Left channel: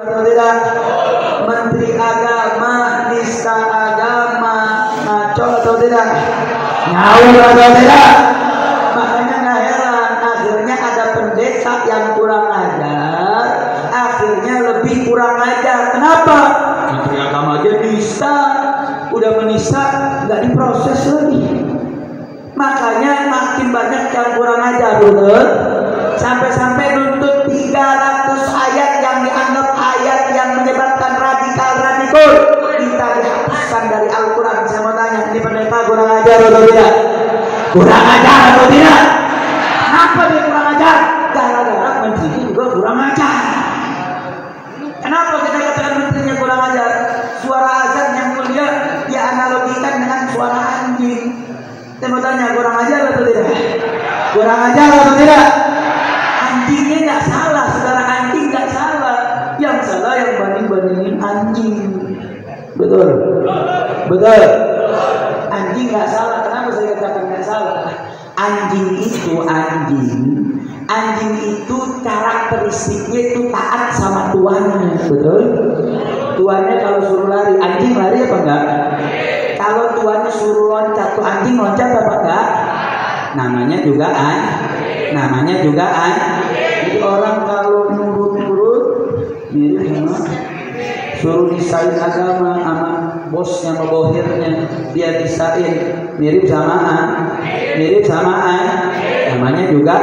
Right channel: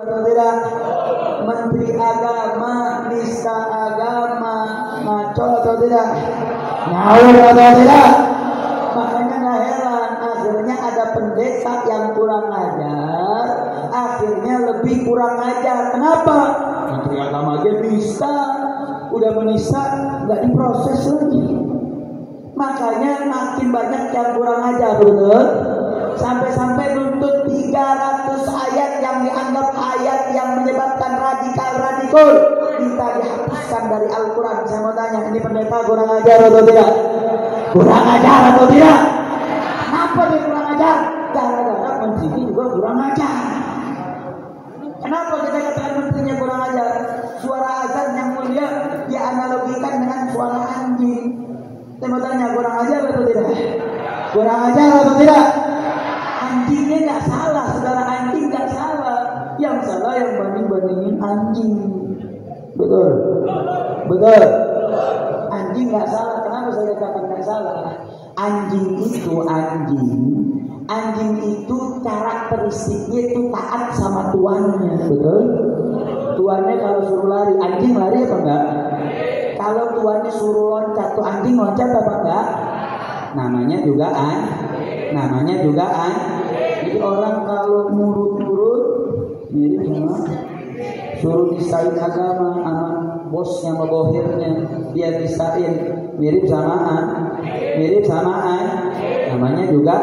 atau tidak? Menteri Agama, nista agama, ngaco atau tidak? Ngawur atau tidak? Makanya nggak heran, akhirnya ada pendeta yang kurang ajar, akhirnya lebih kurang ajar. Kenapa? Menteri Agama aja nista, udah menista nggak diproses lagi. Makanya makin banyak yang kurang ajar, betul? Sampai-sampai nuntut 300 ayat yang dianggap ayat yang menyebabkan radikal. Kita dihapuskan dari Al-Quran. Saya mau tanya, ini pendeta kurang ajar atau tidak? Kurang ajar atau tidak? Kenapa dia kurang ajar? Gara-gara menterinya juga kurang ajar. Kenapa kita katakan menterinya kurang ajar? Suara azan yang mulia dia analogikan dengan suara anjing. Saya mau tanya, kurang ajar atau tidak? Kurang ajar atau tidak? Anjingnya nggak salah, saudara, anjing nggak salah. Yang salah yang banding-bandingin anjing. Betul, betul. Anjing nggak salah. Kenapa saya katakan nggak salah? Anjing itu karakteristiknya itu taat sama tuannya, betul? Tuannya kalau suruh lari, anjing lari apa enggak? Kalau tuannya suruh loncat, tuh anjing loncat apa enggak? Namanya juga Jadi orang kalau nurut mirip sama suruh disain agama sama bosnya sama bohirnya, dia disain mirip samaan, namanya juga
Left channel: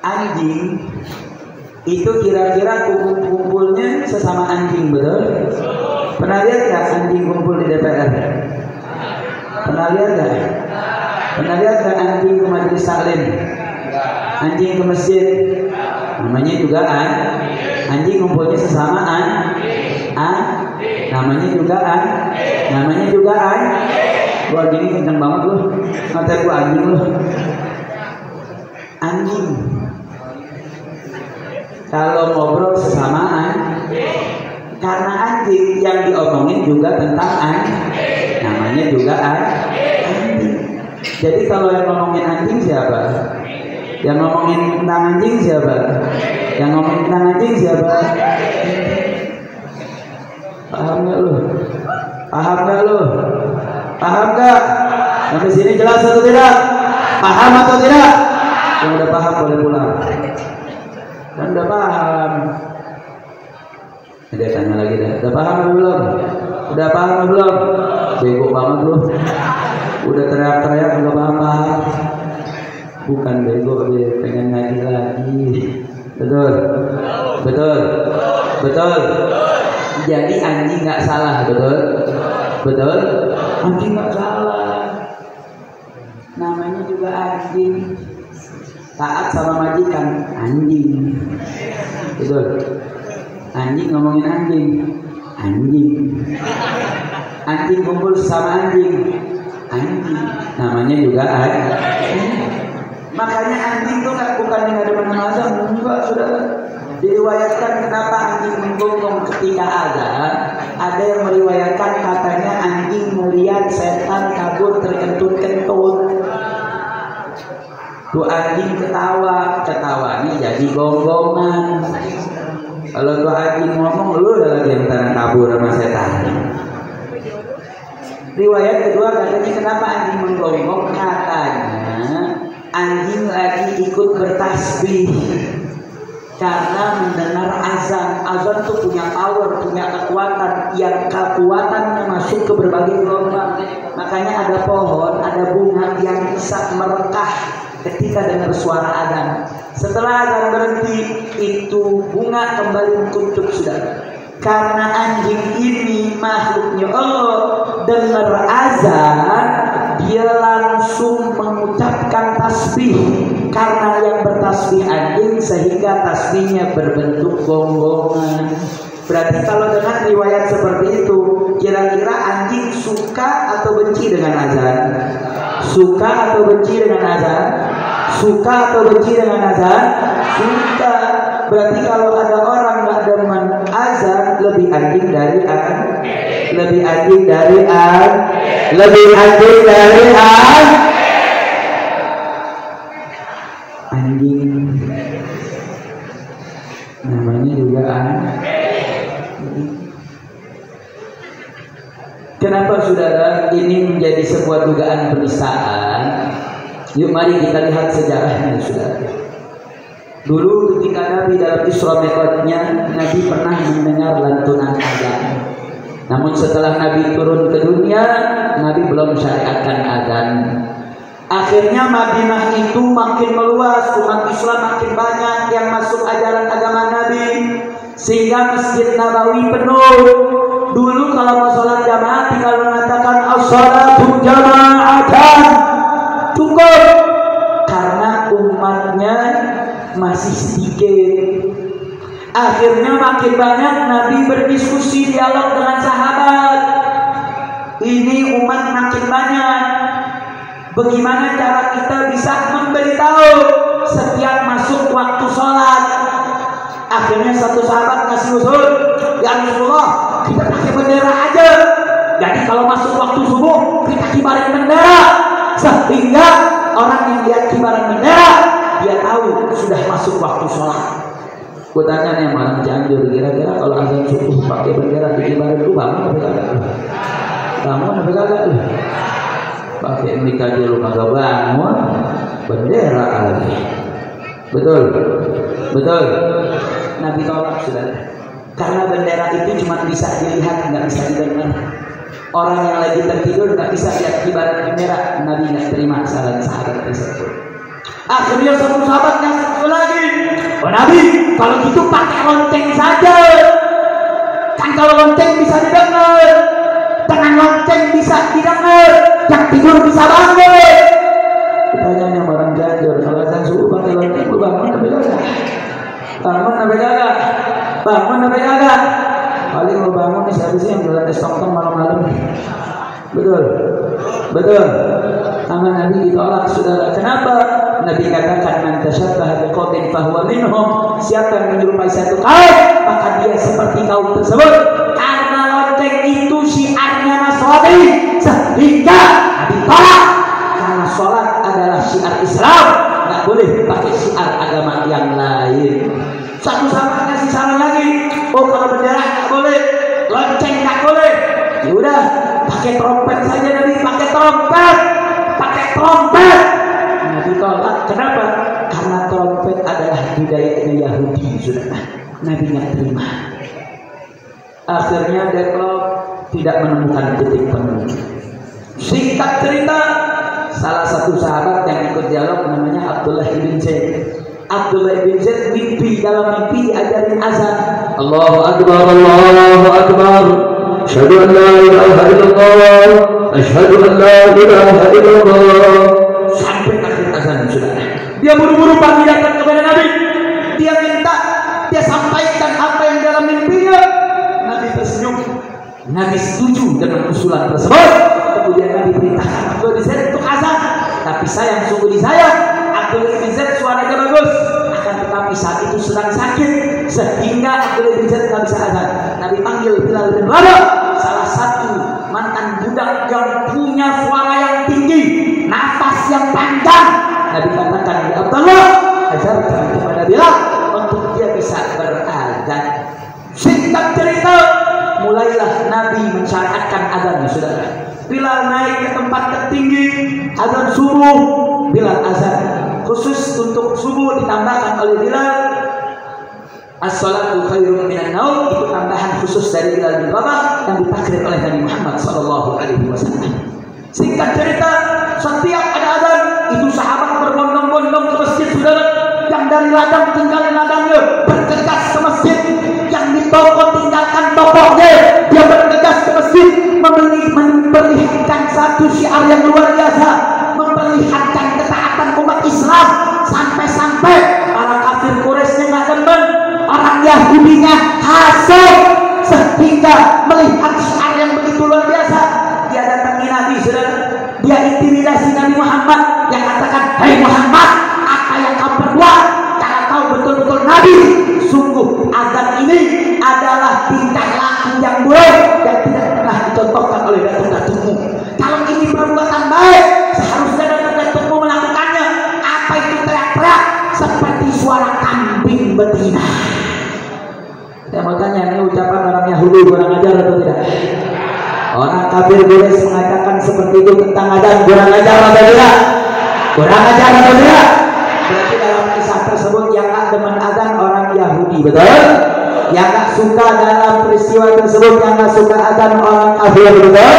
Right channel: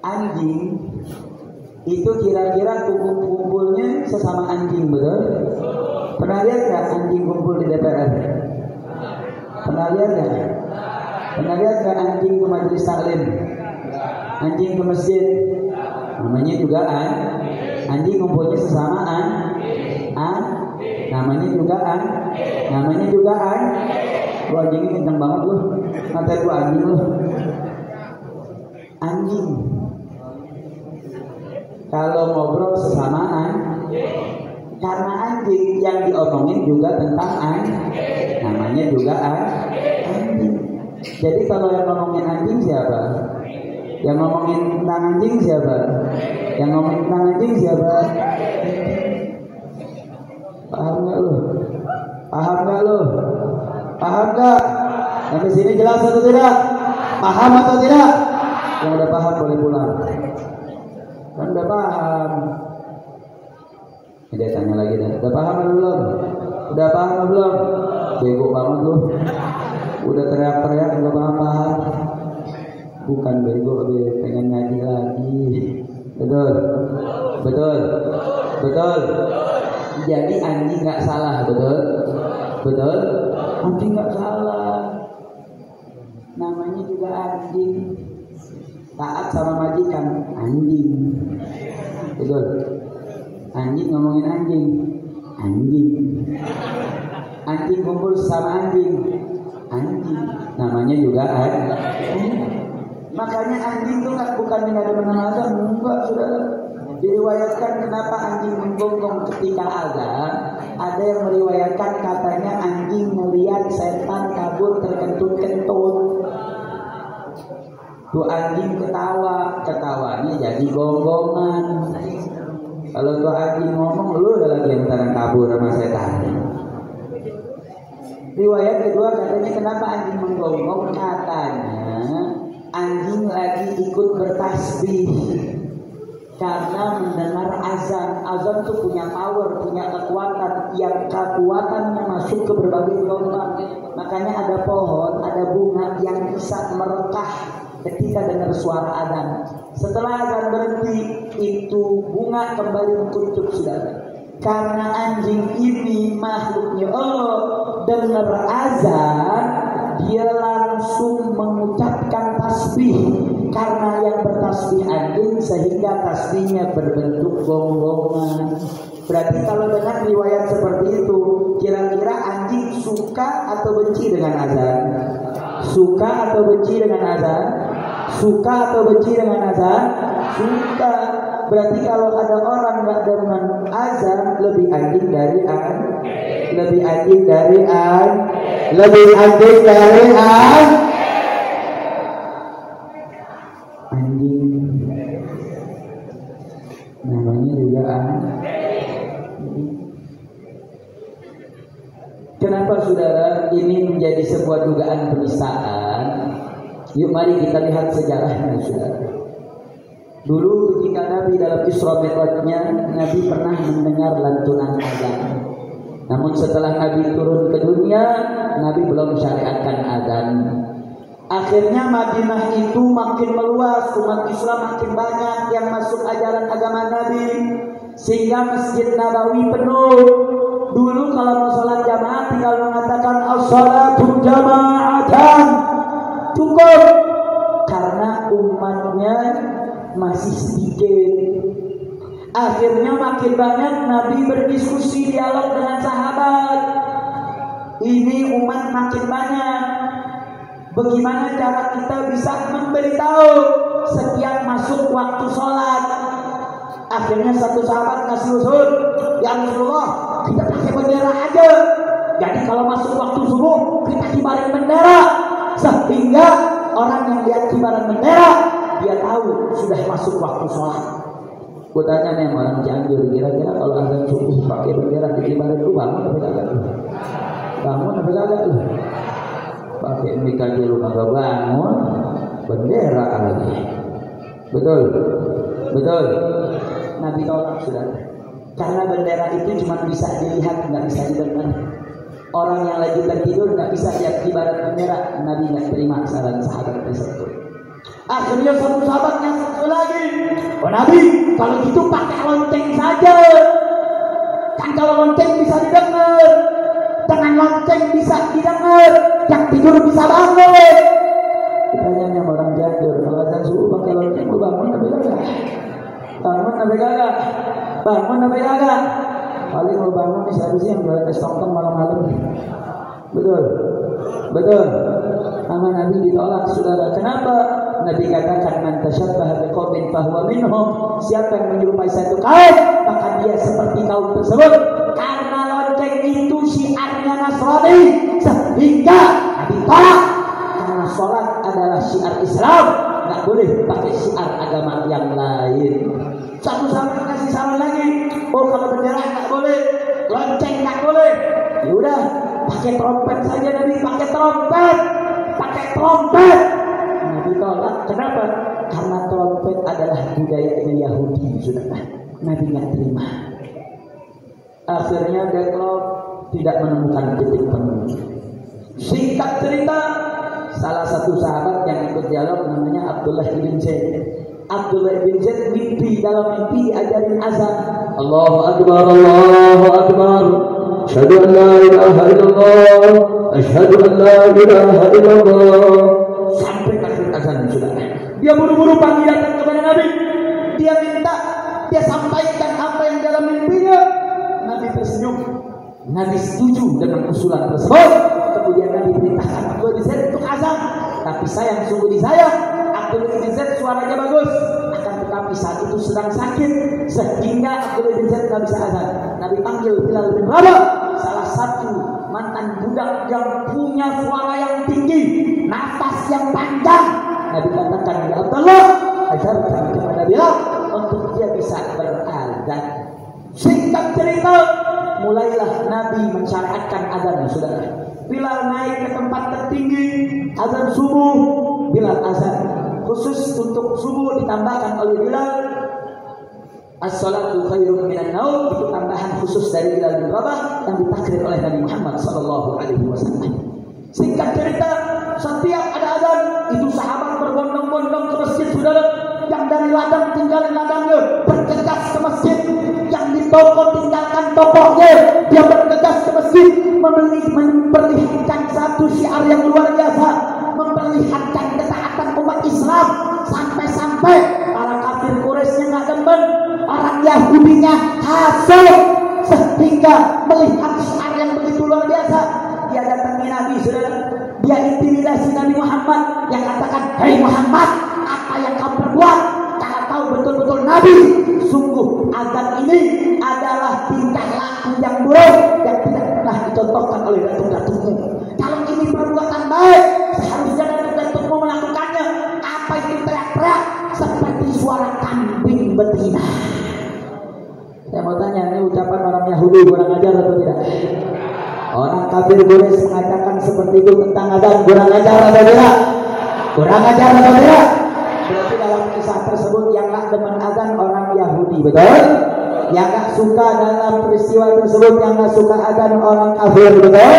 anjing itu kira-kira kumpul-kumpulnya sesama anjing, betul? Pernah lihat nggak anjing kumpul di DPR? Pernah lihat nggak anjing ke majelis taklim? Anjing ke masjid? Namanya juga anjing kumpulnya sesama namanya juga Wah gini kenceng banget loh, ngatain gua anjing loh. Anjing kalau ngobrol sesamaan, karena anjing yang diomongin juga tentang namanya juga anjing. Jadi kalau yang ngomongin anjing siapa? Yang ngomongin tentang anjing siapa? Yang ngomongin tentang anjing siapa? Paham nggak lu? Paham nggak? Sampai sini jelas atau tidak? Paham atau tidak? Yang udah paham boleh pulang. Kan udah paham. Dia tanya lagi dah. Udah paham atau belum? Udah paham atau belum? Bego banget lu. Udah teriak-teriak nggak paham. Bukan bego, pengen ngaji lagi. Betul. Jadi anjing nggak salah, betul. Anjing nggak salah. Namanya juga anjing. Taat sama majikan, anjing. Betul. Anjing ngomongin anjing. Anjing kumpul sama anjing. Namanya juga anjing. Makanya anjing itu bukan yang ada penjelasan, enggak, sudah diriwayatkan kenapa anjing menggonggong ketika ada yang meriwayatkan katanya anjing melihat setan kabur terkentut-kentut. Tuh anjing ketawanya jadi gonggongan. Kalau tuh anjing ngomong, lu udah lagi yang kabur sama setan. Riwayat kedua katanya kenapa anjing menggonggong, katanya anjing lagi ikut bertasbih karena mendengar azan. Azan tuh punya power, punya kekuatan, yang kekuatannya masuk ke berbagai gelombang. Makanya ada pohon, ada bunga yang bisa merekah ketika dengar suara azan. Setelah azan berhenti, itu bunga kembali mengucuk, sudah. Karena anjing ini makhluknya Allah, dengar azan dia langsung mengucapkan tasbih. Karena yang bertasbih anjing, sehingga tasbihnya berbentuk gonggongan. Berarti kalau dengan riwayat seperti itu, kira-kira anjing suka atau benci dengan azan? Suka atau benci dengan azan? Suka. Berarti kalau ada orang nggak demen azan, lebih anjing dari anjing. saudara, ini menjadi sebuah dugaan penistaan. Yuk mari kita lihat sejarahnya, saudara. Dulu ketika Nabi dalam Isra Mi'rajnya, Nabi pernah mendengar lantunan azan. Namun setelah Nabi turun ke dunia, Nabi belum syariatkan azan. Akhirnya Madinah itu makin meluas, umat Islam makin banyak yang masuk ajaran agama Nabi, sehingga Masjid Nabawi penuh. Dulu kalau mau sholat jamaah tinggal mengatakan as-salatu jama'atan, cukup, karena umatnya masih sedikit. Akhirnya makin banyak Nabi berdiskusi, dialog dengan sahabat. Ini umat makin banyak, bagaimana cara kita bisa memberitahu setiap masuk waktu sholat? Akhirnya satu sahabat ngasih usul, ya Rasulullah, kita pakai bendera aja. Jadi kalau masuk waktu subuh kita kibarin bendera, sehingga orang yang lihat kibaran bendera dia tahu sudah masuk waktu sholat. Gue tanya nih orang Cianjur, kira-kira kalau azan subuh pakai bendera dikibarin lu bangun apa kagak? Bangun apa kagak? Pakai mic aja lu kagak bangun, bendera lagi. Betul, betul. Nabi tolak, saudara. Karena bendera itu cuma bisa dilihat, nggak bisa didengar. Orang yang lagi tertidur nggak bisa lihat kibaran bendera. Nabi nggak terima saran sahabat tersebut. Akhirnya satu sahabat yang satu lagi, oh Nabi, kalau gitu pakai lonceng saja. Kan kalau lonceng bisa didengar, dengan lonceng bisa didengar, yang tidur bisa bangun. Pertanyaan yang barang jajur, kalau azan subuh pakai lonceng, lu bangun apa kagak? Bangun apa kagak? Bangun apa kagak? Paling lu bangun nih siapa sih yang jualan es tongtong malam-malam? Betul, betul. Sama Nabi ditolak, saudara. Kenapa? Nabi katakan man tasyabbaha biqaumin fahuwa minhum. Siapa yang menyerupai satu kaum, maka dia seperti kaum tersebut. Karena lonceng itu syiarnya Nasrani, sehingga Nabi tolak. Karena sholat adalah syiar Islam, nggak boleh pakai syiar agama yang lain. Satu sahabat kasih saran lagi, oh kalau bendera nggak boleh, lonceng nggak boleh, ya udah pakai trompet saja. Nabi pakai trompet, pakai trompet. Nabi tolak. Kenapa? Karena trompet adalah budaya Yahudi, saudara. Nabi nggak terima. Akhirnya deadlock, tidak menemukan titik penuh. Singkat cerita, salah satu sahabat yang ikut dialog namanya Abdullah bin Zaid. Abdullah bin Zaid mimpi, dalam mimpi diajarin azan. Allahu Akbar, Allahu Akbar. Asyhadu an la ilaha illallah. Asyhadu an la ilaha illallah. Sampai akhir azan, saudara. Dia buru-buru pagi datang kepada Nabi. Dia minta, dia sampaikan apa yang dalam mimpinya. Nabi tersenyum. Nabi setuju dengan usulan tersebut. Kemudian Nabi perintahkan Abdullah bin Zaid untuk azan. Tapi sayang, sungguh disayang, Abdullah bin Zaid suaranya bagus, akan tetapi saat itu sedang sakit, sehingga Abdullah bin Zaid tak bisa azan. Nabi panggil Bilal bin Rabah, salah satu mantan budak yang punya suara yang tinggi, nafas yang panjang. Nabi katakan, ya Abdullah, ajarkan kepada Bilal untuk dia bisa berazan. Singkat cerita, mulailah Nabi mensyariatkan azan, saudara. Bilal naik ke tempat tertinggi, azan subuh, Bilal azan. Khusus untuk subuh ditambahkan oleh Bilal as-salatu khairum minan naum, itu tambahan khusus dari Bilal bin Rabah yang ditakrir oleh Nabi Muhammad SAW. Singkat cerita, setiap ada azan, itu sahabat berbondong-bondong ke masjid, saudara. Yang dari ladang tinggalin ladangnya, bergegas ke masjid. Yang di toko tinggalkan tokonya, dia bergegas ke masjid, memperlihatkan satu syiar yang luar biasa, memperlihatkan ketaatan umat Islam, sampai-sampai para kafir Quraisy nggak demen, orang Yahudinya hasad, sehingga melihat syiar yang begitu luar biasa, dia datangi Nabi, saudara. Dia intimidasi Nabi Muhammad, yang katakan, hai Muhammad, apa yang kau perbuat? Kalau kau betul-betul Nabi, sungguh azan ini adalah tingkah laku yang buruk dan tidak pernah dicontohkan oleh datuk-datukmu. Kalau ini perbuatan baik, seharusnya datuk-datukmu melakukannya. Apa itu teriak-teriak seperti suara kambing betina? Ya makanya ini ucapan orang Yahudi kurang ajar atau tidak? Orang kafir Quraisy mengatakan seperti itu tentang adzan. Kurang ajar atau tidak? Kurang ajar atau tidak? Berarti dalam kisah tersebut yang gak demen adzan orang Yahudi, betul? Yang gak suka dalam peristiwa tersebut, yang gak suka adzan orang kafir, betul?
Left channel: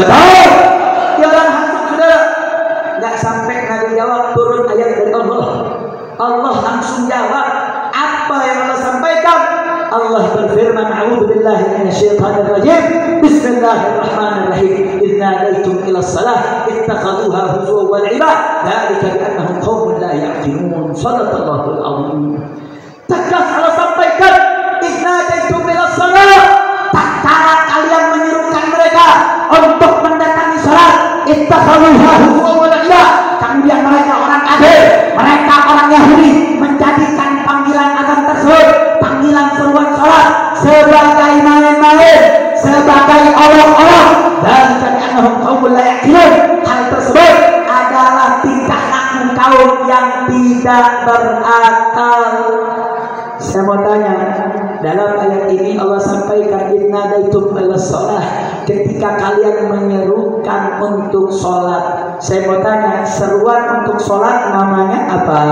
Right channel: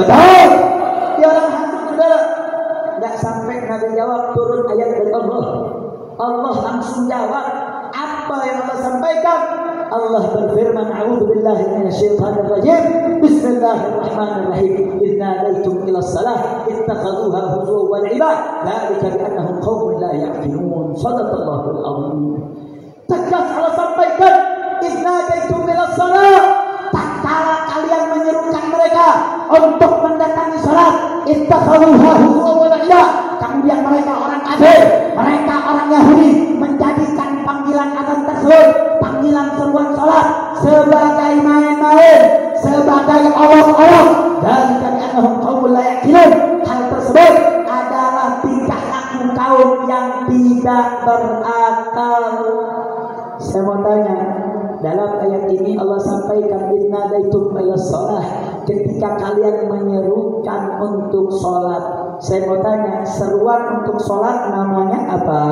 Betul? Dia orang hantu sudah. Gak sampai Nabi jawab turun ayat dari Allah. Allah langsung jawab apa yang Allah sampaikan. Allah berfirman, a'udzubillahi minasyaitonir rajim. Bismillahirrahmanirrahim. Idz nadaitum ila shalah ittakhaduha huzwan wa 'iba. Dzalika bi annahum qaumun la ya'qilun. Shadaqallahul 'azim. Tegas Allah sampaikan, idz nadaitum ila shalah. Tatkala kalian menyerukan mereka untuk mendatangi salat, ittakhaduha huzwan wa 'iba. Kemudian mereka orang kafir, mereka orang Yahudi menjadikan panggilan azan tersebut, panggilan seruan salat sebagai main-main, sebagai olok-olok. Dan karena kaum la yaqilun, hal tersebut adalah tingkah laku kaum yang tidak berakal. Saya mau tanya, dalam ayat ini Allah sampaikan idnadaitum ilas shalah, ketika kalian menyerukan untuk sholat. Saya mau tanya, seruan untuk sholat namanya apa?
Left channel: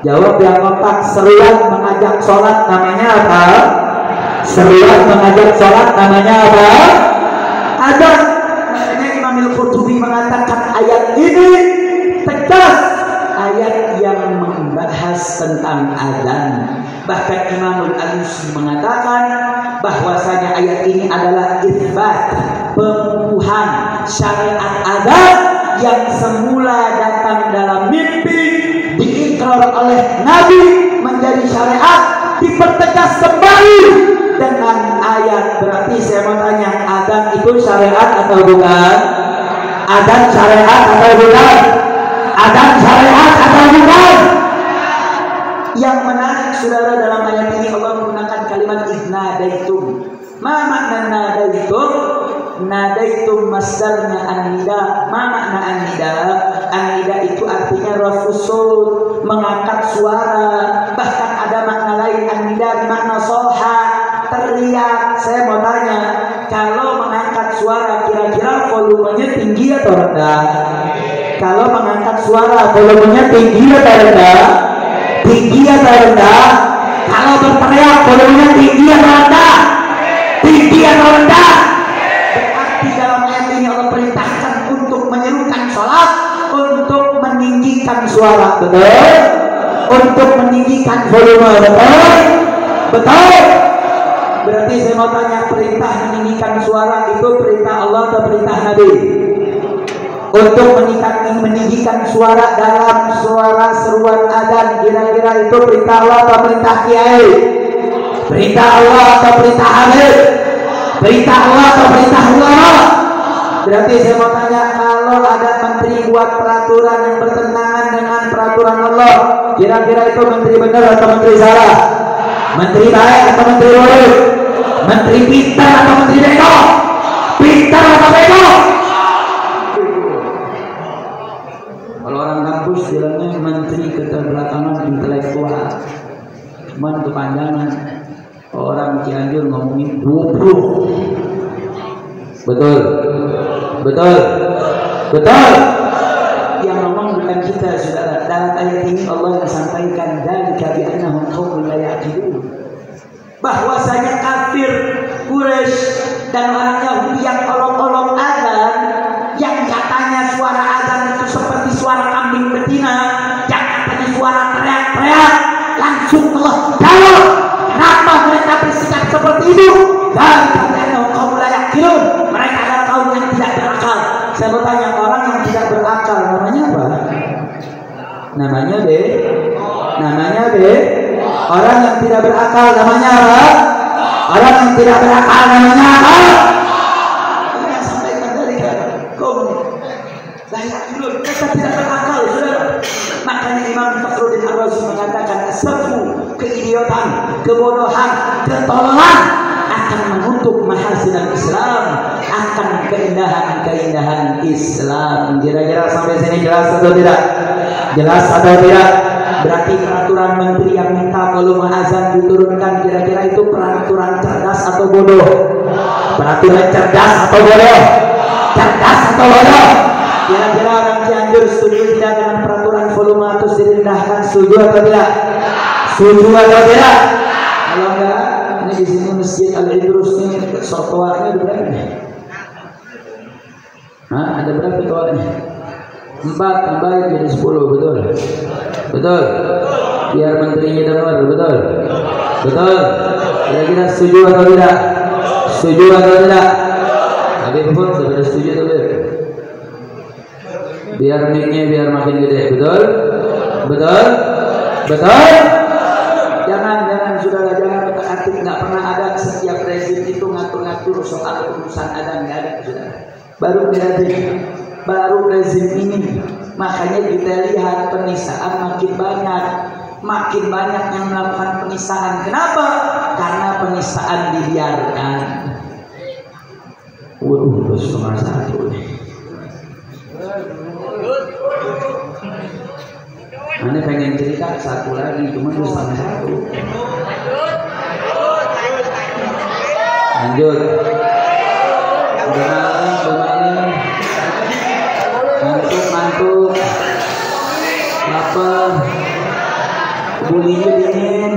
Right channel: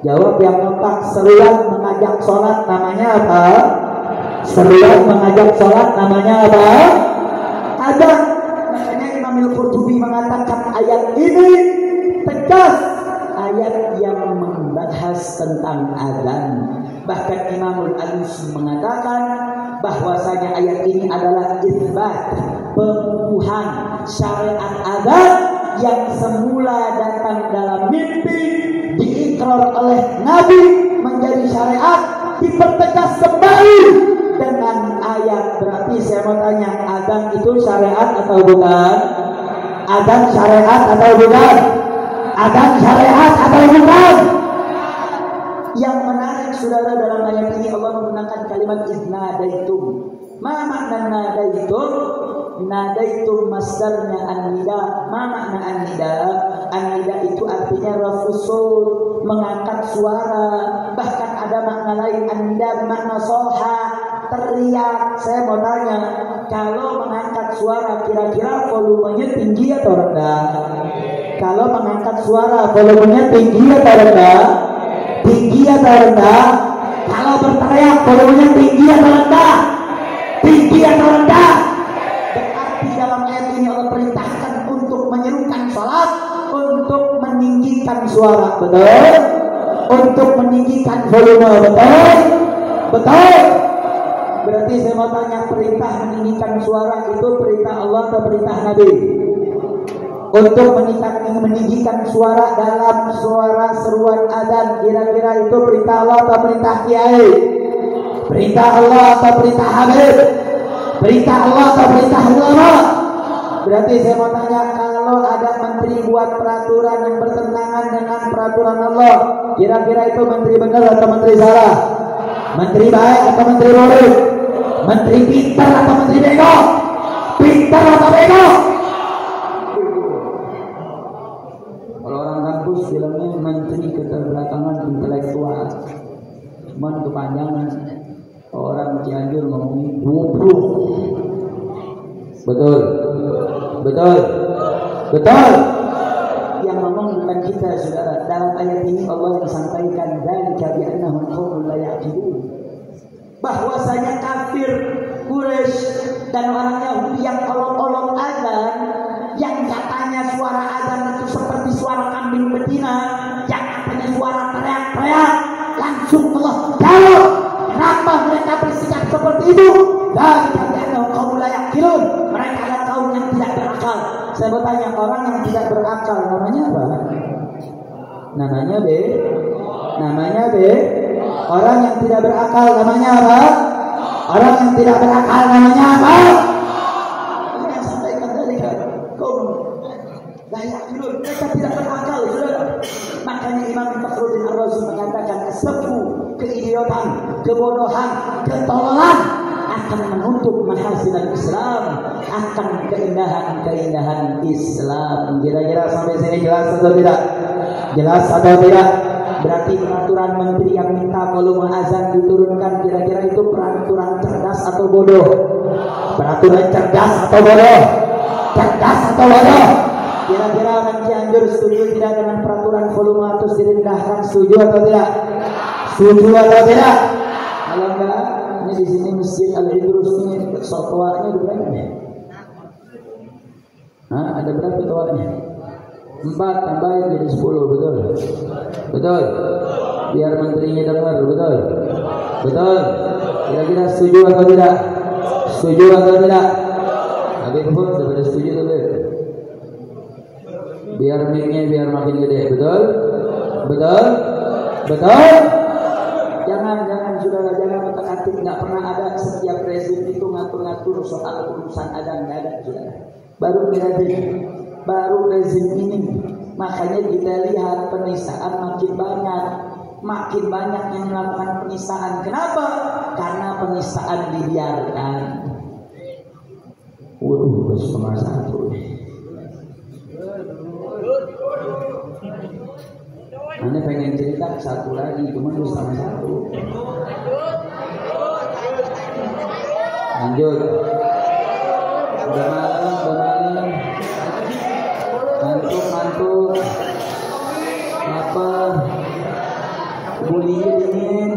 Jawab yang kompak. Seruan mengajak sholat namanya apa? Seruan mengajak sholat namanya apa? Adzan. Makanya Imam Al-Qurtubi mengatakan ayat ini tegas, ayat yang membahas tentang adzan. Bahkan Imam Al-Alusi mengatakan bahwasanya ayat ini adalah itsbat, pengukuhan syariat adzan yang semula datang dalam mimpi, diikrar oleh Nabi menjadi syariat, dipertegas kembali dengan ayat. Berarti saya mau tanya, adzan itu syariat atau bukan? Adzan syariat atau bukan? Adzan syariat atau bukan? Yang menarik saudara, dalam ayat ini Allah menggunakan kalimat idnadaitum. Ma makna nadaitum? Nadaitum masdarnya an-nida. Ma makna an-nida? An-nida itu artinya rafusul, mengangkat suara. Bahkan ada makna lain an-nida makna soha, teriak. Saya mau tanya, kalau mengangkat suara kira-kira volumenya tinggi atau rendah? Kalau mengangkat suara volumenya tinggi atau rendah? Tinggi atau rendah? Kalau berteriak volumenya tinggi atau rendah? Tinggi atau rendah? Berarti dalam ayat ini Allah perintahkan untuk menyerukan sholat, untuk meninggikan suara, betul? Untuk meninggikan volume, betul? Betul? Berarti saya mau tanya, perintah meninggikan suara itu perintah Allah atau perintah Nabi? Untuk meninggikan suara dalam suara seruan adzan, kira-kira itu perintah Allah atau perintah kiai? Perintah Allah atau perintah Habib? Perintah Allah atau perintah ulama? Berarti saya mau tanya, kalau ada menteri buat peraturan yang bertentangan dengan peraturan Allah, kira-kira itu menteri benar atau menteri salah? Menteri baik atau menteri buruk? Menteri pintar atau menteri bego? Pintar atau bego? Kalau orang kampus bilangnya menteri keterbelakangan intelektual, cuman kepanjangan. Orang Cianjur ngomongin bobrok. Betul, betul, betul. Yang ngomong bukan kita, saudara. Dalam ayat ini Allah yang sampaikan dzalika bi annahum qaumun la ya'qilun, bahwasanya kafir Quraisy dan orang Yahudi yang olok-olok adzan, yang katanya suara adzan itu seperti suara kambing betina, yang katanya suara teriak-teriak, langsung Allah jawab kenapa mereka bersikap seperti itu. Dan katanya kaum la ya'qilun, mereka adalah kaum yang tidak berakal. Saya bertanya, orang yang tidak berakal namanya apa? Namanya B. Namanya B. Orang yang tidak berakal namanya apa? Orang yang tidak berakal namanya apa? Allah yang sampaikan dari kaum la ya'qilun, mereka tidak berakal, saudara. Makanya Imam Fakhruddin Ar-Razi mengatakan sebu, keidiotan, kebodohan, ketololan akan menutup mahasinul Islam, akan keindahan-keindahan Islam. Kira-kira sampai sini jelas atau tidak? Jelas atau tidak? Berarti peraturan menteri yang minta volume azan diturunkan, kira-kira itu peraturan cerdas atau bodoh? Peraturan cerdas atau bodoh? Cerdas atau bodoh? Kira-kira orang Cianjur setuju tidak dengan peraturan volume atus direndahkan? Setuju atau tidak? Setuju atau tidak? Kalau enggak, ini di sini Masjid Al-Idrus ini sotoarnya ada berapa nih? Hah? Ada berapa toarnya? 4 tambahin jadi 10, betul? Betul? Biar menterinya dengar, betul? Betul? Kira-kira setuju atau tidak? Setuju atau tidak? Habib pun sudah setuju atau tidak? Biar mic-nya biar makin gede, betul? Betul? Betul? Jangan saudara, jangan berarti nggak pernah ada setiap rezim itu ngatur-ngatur soal urusan adan, nggak ada saudara. Baru rezim ini, makanya kita lihat penistaan makin banyak yang melakukan penistaan. Kenapa? Karena penistaan dibiarkan. Waduh, setengah 1 nih. Ane pengen cerita 1 lagi, cuma 2,5. Lanjut. Lumayan. Ngantuk. Lapar. Bulinya dingin.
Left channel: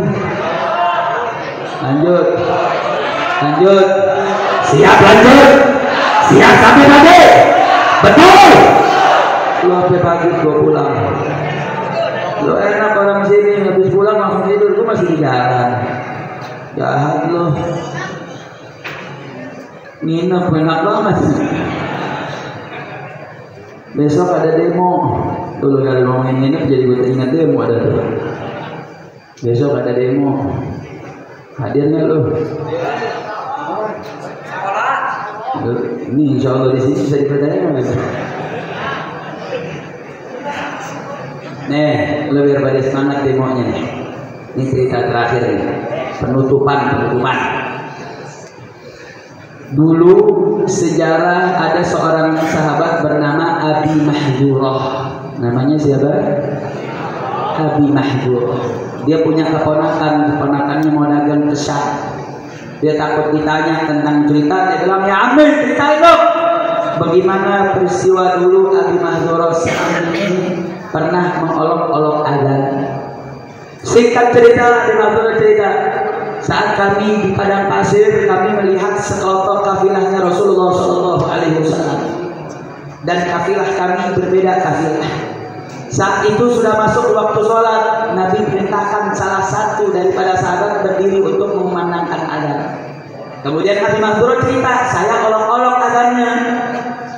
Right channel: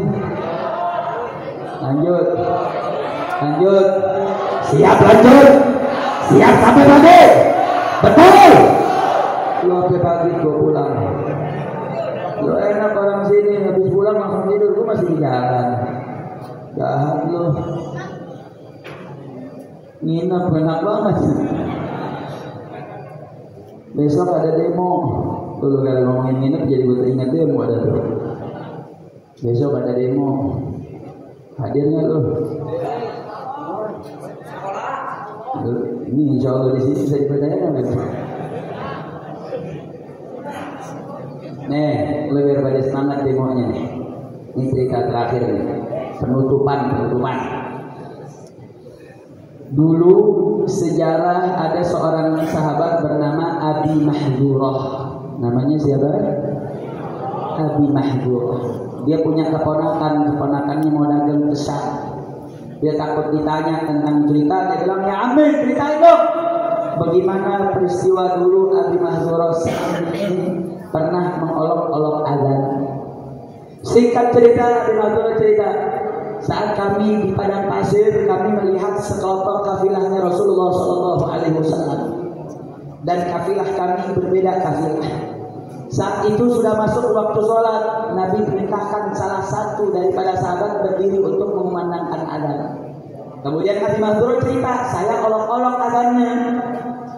Lanjut. Siap lanjut. Siap sampai pagi. Betul. Lu sampai pagi gua pulang. Lu enak orang sini habis pulang langsung tidur, gua masih di jalan. Jahat lu. Nginep enak banget. Besok ada demo. Dulu kali ngomongin nginep jadi gue ingat demo ada tuh. Besok ada demo. Hadirnya lu? Ini insya Allah di sini bisa dipercaya gitu. Nih, lu biar pada semangat demonya nih. Ini cerita terakhir nih. Penutupan. Dulu sejarah ada seorang sahabat bernama Abi Mahdurah. Namanya siapa? Abi Mahdurah. Dia punya keponakannya mau dagang kesat. Dia takut ditanya tentang cerita, dia bilang, ya Amin, ceritain dong. Bagaimana peristiwa dulu Abi Mahdurah ini pernah mengolok-olok azan. Singkat cerita, Abi Mahdurah cerita. Saat kami di padang pasir, kami melihat sekelompok kafilahnya Rasulullah SAW, dan kafilah kami berbeda kafilah. Saat itu sudah masuk waktu sholat, Nabi perintahkan salah satu daripada sahabat berdiri untuk mengumandangkan azan. Kemudian Nabi Mahdurah cerita, saya olok-olok azannya.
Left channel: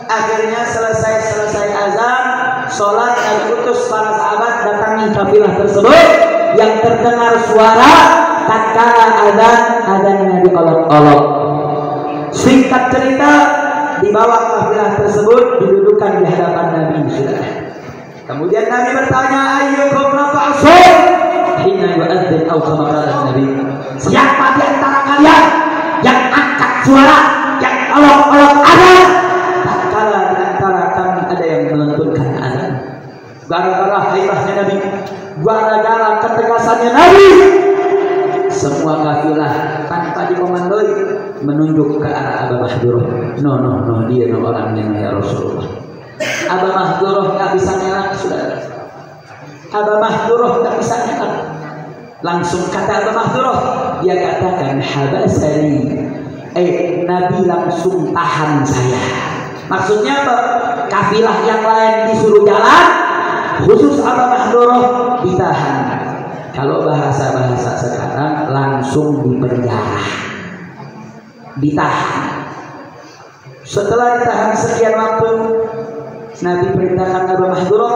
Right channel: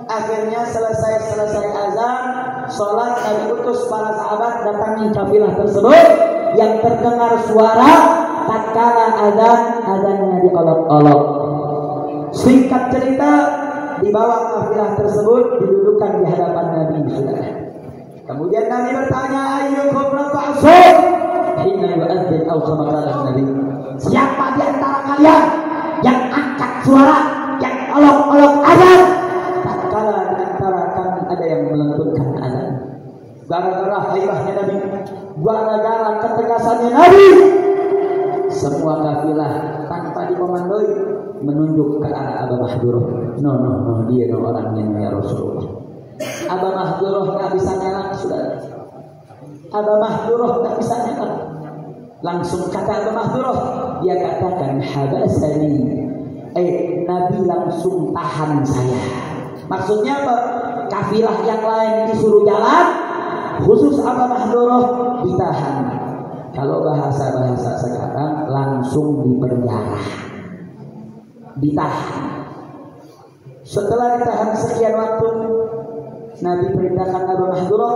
Akhirnya selesai azan, sholat, Nabi utus para sahabat datangi kafilah tersebut yang terdengar suara tatkala azannya diolok-olok. Singkat cerita, dibawa kafilah tersebut didudukan di hadapan Nabi. Kemudian Nabi bertanya, ayyukum rafa'asun hina yu'adzin aw kama qala Nabi. Siapa di antara kalian yang angkat suara, yang olok-olok azan tatkala di antara kami ada yang melenturkan azan? Gara-gara haibahnya Nabi, gara-gara ketegasannya Nabi, semua kafilah tanpa dikomandoi menunjuk ke arah Aba Mahdurah. No, dia orangnya ya Rasulullah. Aba Mahdurah nggak bisa ngelak, saudara. Aba Mahdurah nggak bisa ngelak. Langsung kata Aba Mahdurah, dia katakan habasani. Nabi langsung tahan saya. Maksudnya apa? Kafilah yang lain disuruh jalan, khusus Aba Mahdurah ditahan. Kalau bahasa sekarang langsung dipenjara, ditahan. Setelah ditahan sekian waktu, Nabi perintahkan Aba Mahdurah,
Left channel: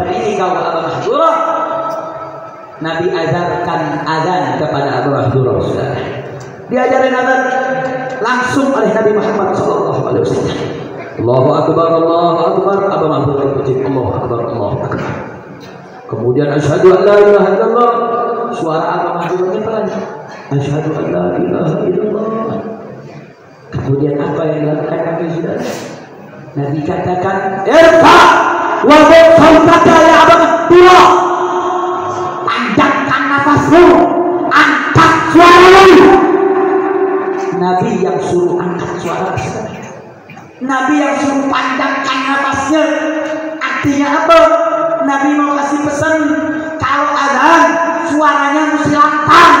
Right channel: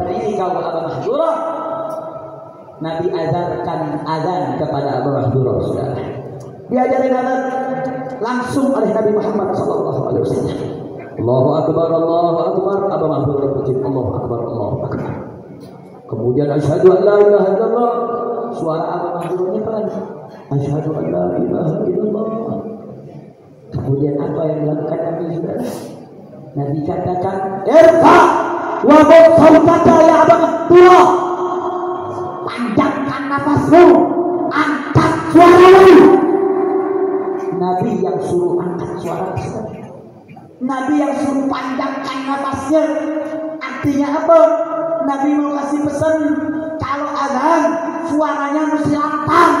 berdiri kau Aba Mahdurah. Nabi ajarkan azan kepada Aba Mahdurah, saudara. Diajarin azan langsung oleh Nabi Muhammad SAW. Allahu Akbar, Aba Mahdurah ikut Allahu Akbar. Kemudian asyhadu an la ilaha illallah. Suara Aba Mahdurahnya pelan. Asyhadu an la ilaha illallah. Kemudian apa yang dilakukan Nabi, saudara? Nabi katakan, irfa wa bid sautaka ya Aba Mahdurah. Panjangkan nafasmu, angkat suaramu. Nabi yang suruh angkat suara, Nabi yang suruh panjangkan nafasnya. Artinya apa? Nabi mau kasih pesan, kalau azan suaranya mesti lantang,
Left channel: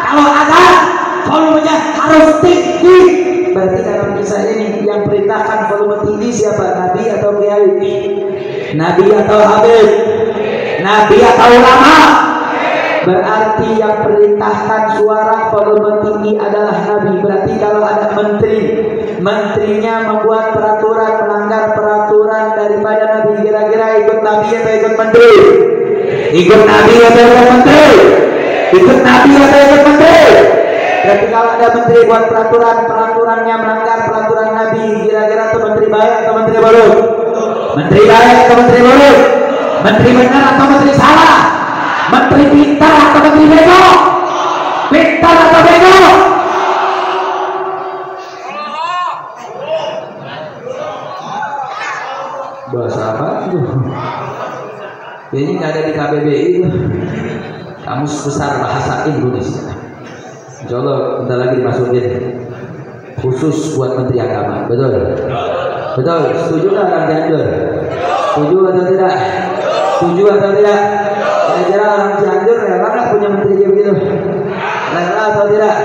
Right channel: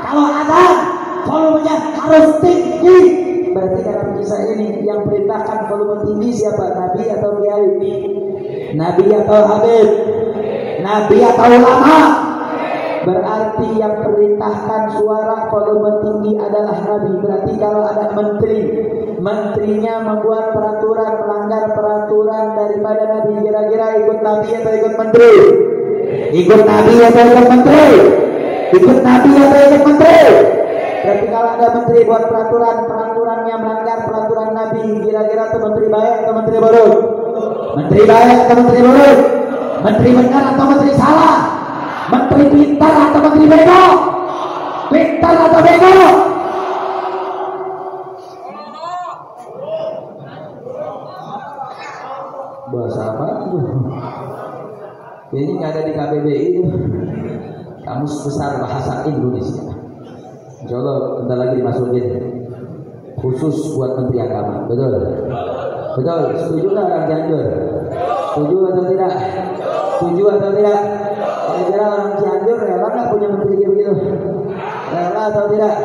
kalau azan volumenya harus tinggi. Berarti dalam kisah ini yang perintahkan volume tinggi siapa? Nabi atau kiai? Nabi atau habib? Nabi atau ulama? Berarti yang perintahkan suara volume tinggi adalah Nabi. Berarti kalau ada menteri, menterinya membuat peraturan melanggar peraturan daripada Nabi, kira-kira ikut Nabi atau ikut menteri? Ikut Nabi atau ikut menteri? Ikut Nabi atau ikut menteri? Berarti kalau ada menteri buat peraturannya melanggar peraturan Nabi, kira-kira itu menteri baik atau menteri buruk? Menteri baik atau menteri buruk? Menteri benar atau menteri salah? Menteri pintar atau menteri bego? Pintar atau bego? Bahasa apa itu? Ini nggak ada di KBBI itu. Kamus Besar Bahasa Indonesia. Insya Allah bentar lagi dimasukin khusus buat Menteri Agama. Betul? Betul? Setuju nggak orang Cianjur? Setuju atau tidak? Setuju atau tidak? Kira-kira orang Cianjur rela nggak punya menteri kayak begitu? Rela atau tidak?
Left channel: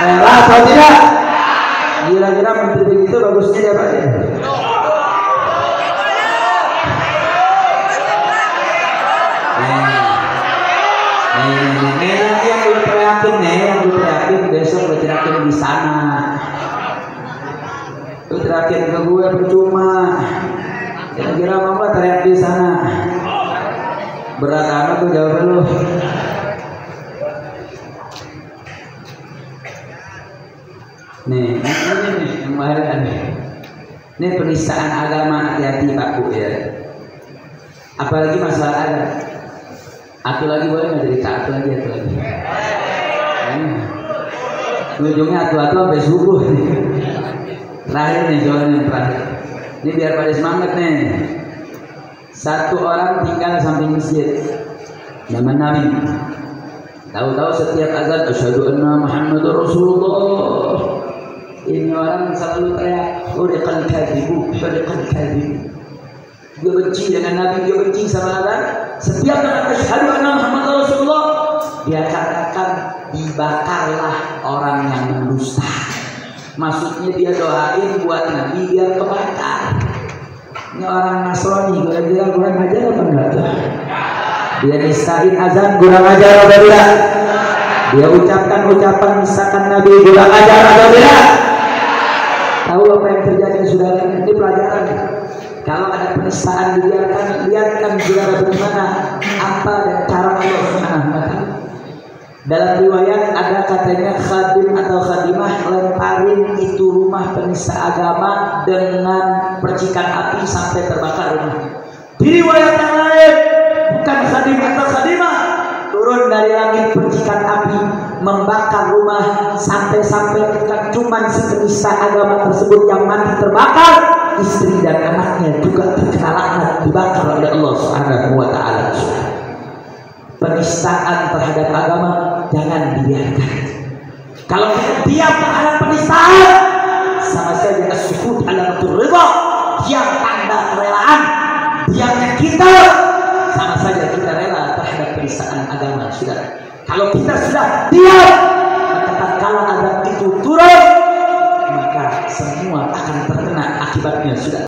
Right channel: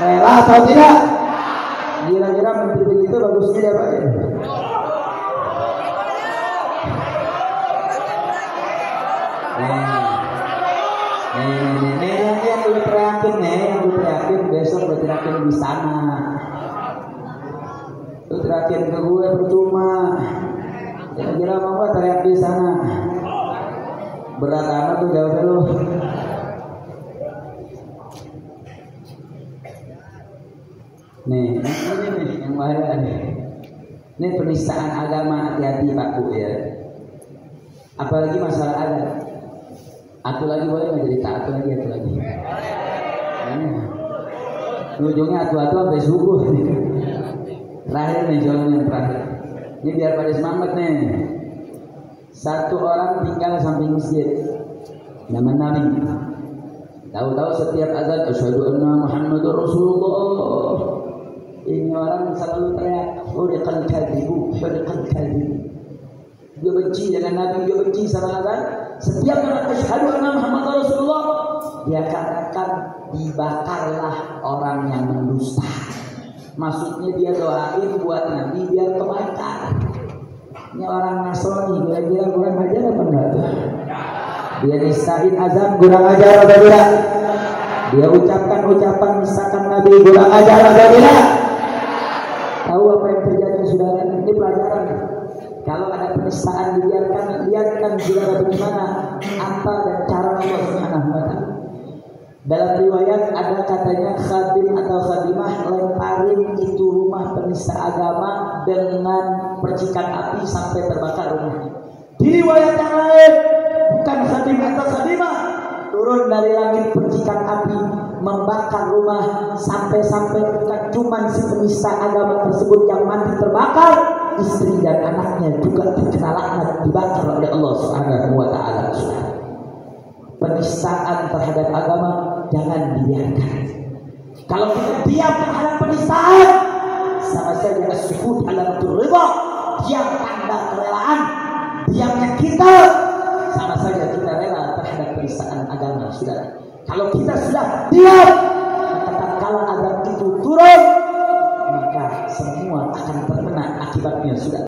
Rela atau tidak? Kira-kira menteri begitu bagusnya siapa ya? Yang gue teriakin besok gue teriakin di sana. Gue teriakin ke gue percuma. Kira-kira apa teriak di sana? Berat amat tuh jawab lu. Nih, ini yang bahaya nih. Ini penistaan agama, hati-hati Pak Bu ya. Apalagi masalah ada. Aku lagi boleh nggak jadi satu lagi, aku lagi. Ujungnya atu-atu sampai subuh. Terakhir nih soalnya terakhir. Ini biar pada semangat nih. Satu orang tinggal samping masjid, zaman Nabi. Tahu-tahu setiap azan asyhadu anna Muhammadur Rasulullah. Ini orang selalu teriak, huriqal kadhibu, huriqal kadhibu. Dia benci dengan Nabi, dia benci sama azan. Setiap dengan asyhadu anna Muhammadur Rasulullah, dia katakan dibakarlah orang yang mendusta. Maksudnya dia doain buat Nabi biar kebakar. Ini orang Nasrani, kira-kira kurang ajar apa enggak tuh? Dia nistain azan kurang ajar atau tidak? Dia ucapkan ucapan misalkan Nabi kurang ajar atau tidak? Tahu apa yang terjadi saudara? Ini pelajaran. Kalau ada penistaan dibiarkan, lihatkan saudara bagaimana apa dan cara Allah Subhanahu wa taala. Dalam riwayat ada katanya khadim atau khadimah lemparin itu rumah penista agama dengan percikan api sampai terbakar rumah. Di riwayat yang lain bukan khadim atau khadimah, turun dari langit percikan api membakar rumah sampai-sampai cuman si penista agama tersebut yang mati terbakar, istri dan anaknya juga terkena laknat dibakar oleh Allah Subhanahu wa taala. Penistaan terhadap agama jangan dibiarkan. Kalau kita diam terhadap penistaan, sama saja as-sukut alamatul ridha, diam tanda kerelaan. Diamnya kita sama saja kita rela terhadap penistaan agama, saudara. Kalau kita sudah diam, maka tatkala azan itu turun, maka semua akan terkena akibatnya, saudara.